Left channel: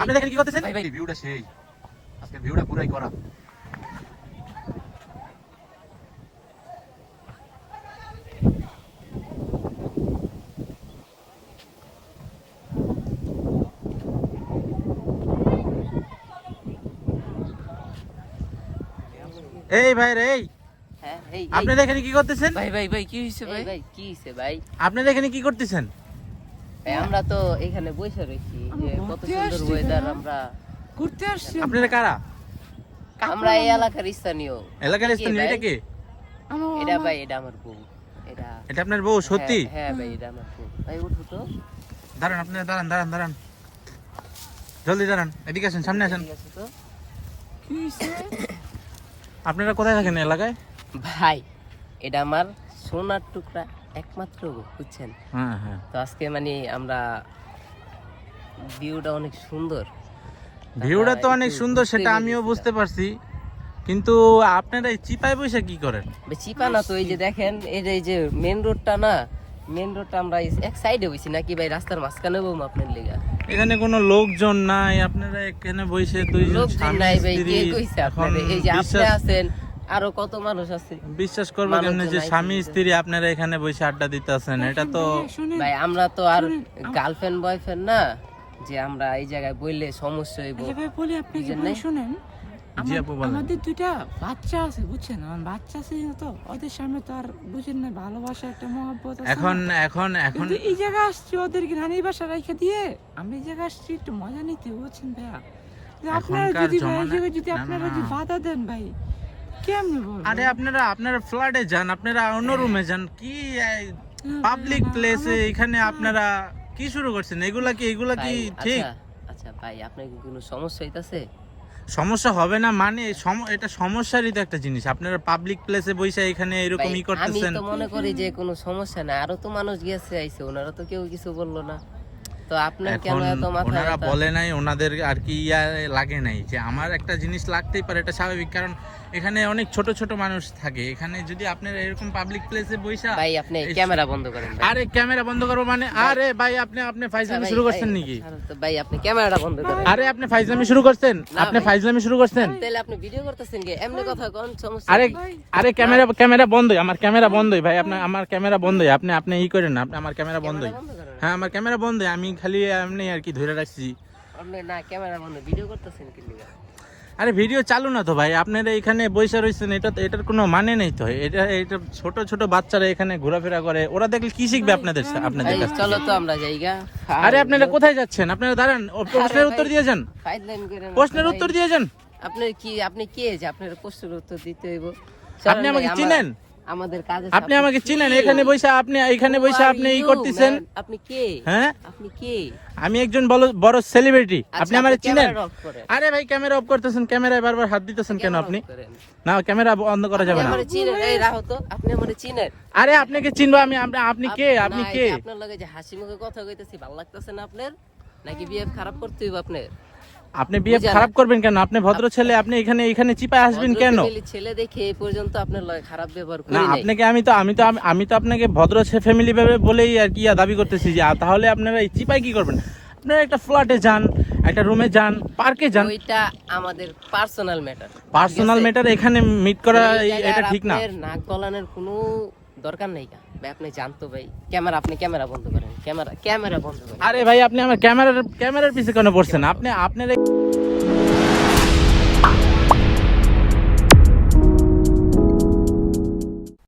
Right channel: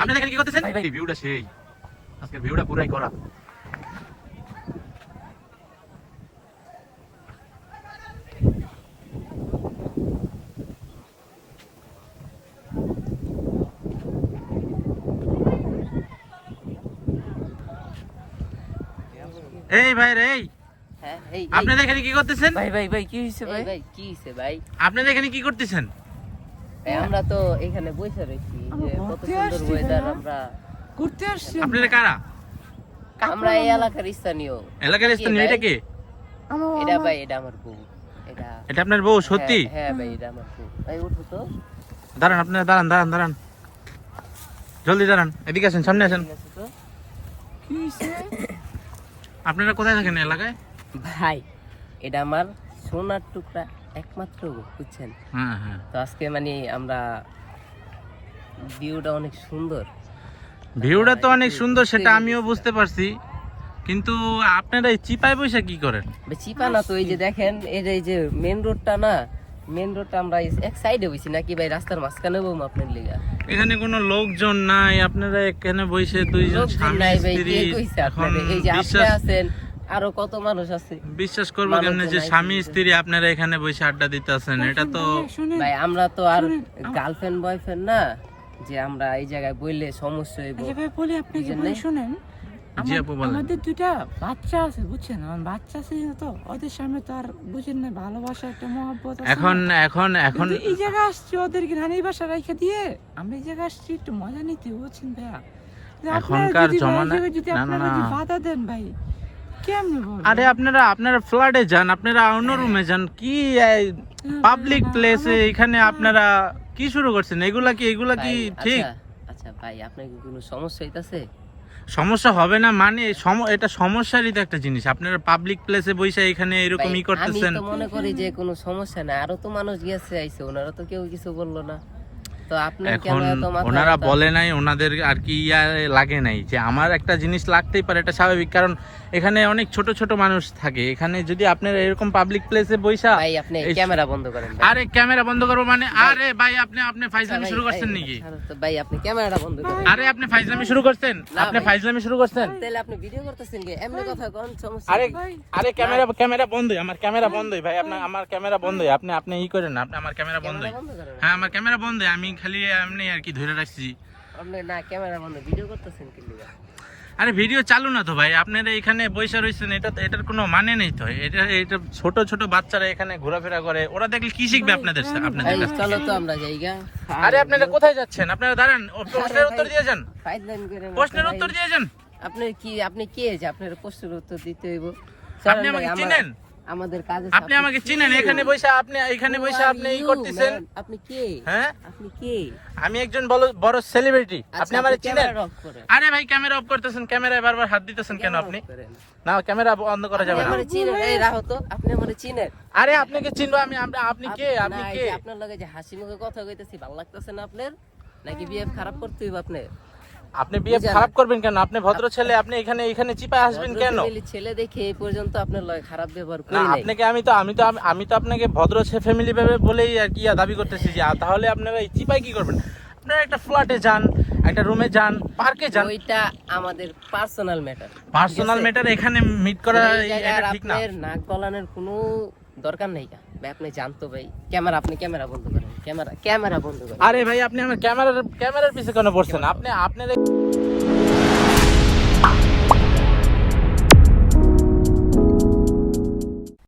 আপনি দেখেন কি করতেছেন ভাই? ভিউটা সেই আজকে ভিউটা পুরাই করা। এই ভাই রে, আপনি দেখেন কি করতেছেন ভাই ভাই ভাই কি হইছে ভাই? ভাই কি হইছে ভাই? আপনি দেখেন কি করতেছেন? আমরা তো এখানে বসে রইছি যে কত সুন্দর ওয়েদার, আমরা ঘুরতে আসছি। আপনারা কারা? আমরা এই এলাকার স্থানীয়। এলাকার স্থানীয়? এটা কে? এটা ভাই, এটা আমার বউ। এটা আপনার বউ? সত্যি? হ্যাঁ ভাই, এটা আমার বউ। ভাই উঠো তো। দাঁড়ান, আপনারা দাঁড়ান, জলদি দাঁড়ান, এদিকে আসেন, সামনে আসেন। ঠিক আছে তো? কি হইছে? আপনারা কোথায় থাকেন এলাকায়? ভাই এটা আমার সোনার টুকরা, একমাত্র বউ, বুঝছেন? হ্যাঁ। তো আজকে মানে আমরা ভিউটা অনেক সুন্দর। ভিউটা তো অনেক সুন্দর, সেটা আমিও বুঝতে পারছি, কিন্তু আপনারা এই চিপায় বসে কি করেন? চিপা না তো, এই যে দেখেন, এই যে মেন রোডটা না, মেন রোডটা আমরা এক সাইডে বসি নাকি ভাই, রাস্তার মাঝখানে বউ আপনার লেগা। এখানে কোনো লোকজন নাই, আপনারা এখানে বসে দুইজন লোকজন স্বামী নাই ভাই, স্ত্রী। কে কইছে আপনাদের? এই যে আপনি আছেন, আরো কত মানুষ আছে। বিশ্বাস করবো কেমনে যে স্বামী স্ত্রী আপনারা এখানে বসে আড্ডা দিতেছেন? এটা তো ভাই আমরা তো আর গার্লফ্রেন্ড বয়ফ্রেন্ড না যে আমরা এই জায়গায় বললে সমস্যা হইব। আচ্ছা ভাই বলি আপনাকে, বলি শুনেন, জি আপু বলেন। আমাদের দুইটা বাচ্চা আছে, বুঝছেন? আমার বাচ্চা আছে তো, ওদের সামনে তো আর বুঝেন না ভালোবাসা একটা মহব্বত আছে। এখন কিন্তু এই জায়গা আসছি ওদেরকে নানি বাসা রেখে দিয়ে, আমরা এই জায়গা আসছি একটু মজা নিতে, বুঝছেন ভাইয়া? এখনকার জমানায় যদি আপনারা যদি বাধা দেন ভাই, কেমনে বলবো? আরে আপনারা ফ্ল্যাটে যান, আপনারা অন্য রুমে যান, কি পাবলিক প্লেসে এখানে আপনারা কি শুরু করছেন? এগুলা কি ঠিক? আচ্ছা ভাই, আপনার কি কোনো সমস্যা হইতাছে? সমস্যা হবে না মানে এটা সমস্যারই তো একটা জিনিস। আপনারা পাবলিক প্লেসে বসে এখানে এরকমই করতেছেন। আমি তো মনে করি যে কোনো সমস্যা না, আরো তো মানুষ গেছে আইছে, ওনারা তো কেউ কিছু বললো না, তো আপনার কেন এত মাথা? ওনারা বলে নাই, ওনাদের আর কি লাগে নাই যে আমার একটা জিনিস লাগতেই পারে, এটা স্বাভাবিক, কারণ এখানে অনেক ছোট ছোট মানুষ থাকে। এখানে যদি আপনারা এরকম পাবলিক প্লেসে বইসা, ভাই আপনি ক্যামেরা বন্ধ করেন। আরে ক্যামেরা বন্ধ করবো মানে? আরে ভাই আপনি ফাইজলামি শুরু করছেন নাকি? তো ভাই আপনি ক্যামেরাটা বন্ধ করেন। আরে আপনি ফাইজলামি শুরু করছেন? আপনি ফাইজলামি শুরু করছেন? তাহলে আপনি ভিডিও করতেছেন কি? এমনি কথা কোন সমস্যা? আরে ক্যামেরা বন্ধ, আমার ক্যামেরা বন্ধ ভাই, আমার ক্যামেরা বন্ধ। আপনি ই করেন না, আমার ক্যামেরা বন্ধ। হ্যাঁ আমার ক্যামেরা বন্ধ, আমি খালি এমনি আর কি ধরে রাখছি। আপনি না ক্যামেরা বন্ধ, ভিডিও করতেছেন কি লিগা? আরে ভিডিও চালু না তো ভাই, আপনারা এখানে বসে রয়েছেন, এটার কোনো মানে নেই তো। এটা ছোট ছোট বাচ্চারা এখানে ঘোরাফেরা করে, ওরা দেখলে কি শিখবে আপনাদের এই চলো তো আমরা যাইগা। আরে আপনারা কোথায় যাচ্ছেন? আপনারা দাঁড়ান, প্রশ্নের উত্তর দিয়ে যান। ফাইজলামি করেন না, প্রশ্নের উত্তর দিয়ে যান। আপনি কে যে আপনার প্রশ্নের উত্তর দিতে হইব? আপনি আমাকে চিনেন? আমাদের কাজে আপনি আমাকে চিনেন? এখানে বসে আপনি ই করতেছেন। আপনি কে? হ্যাঁ আপনি কে? আমি একজন বড় সেলিব্রিটি, আপনি আমাকে চিনেন? আরে ভাই ক্যামেরা অফ করতেছেন, ক্যামেরায় বারবার হাত দিতেছেন কেন আপনি? না ক্যামেরা বন্ধ করা যাবে না। আপনি আমারে চিনেন? এই রাখো তো, আপনি আমারে চিনেন? আরে আপনাকে চিনবো আমি? আপনি কে? আপনি কে? আপনার লগে যে হাসি মুখে কথা কইতেছি, ভালো লাগতেছে না আপনার? নাকি বিহেভ খারাপ করতে হইব আপনার? আপনি বিহেভ খারাপ করবেন কেন? আপনি ভদ্র ছেলে, আপনি এখানে চিপায় আসবেন কেন? ফ্যামিলি ছেলে দেখে এই পর্যন্ত আপনার লগে খারাপ ব্যবহার করি নাই। আপনাকে আমি তো আপনাকে ভদ্র ফ্যামিলি বলেই আর কি দাবি করতেছি যে তাহলে আপনারা এই চিপায় কি করবেন? আপনারা একটা ফ্ল্যাটে যান, একটা রুমে যান, পার্কে যান। ওইটা আমাদের পার্সোনাল ম্যাটার। এখানে মিট করা ঠিক না। আপনার নাক গলানোর কোনো দরকার নাই ভাই, আপনি জানতো ভাই। আপনি ক্যামেরা বন্ধ করেন, ক্যামেরা বন্ধ করেন। আরে ভাই আপনি আমার ক্যামেরার পিছে কেন পড়ছেন? আপনার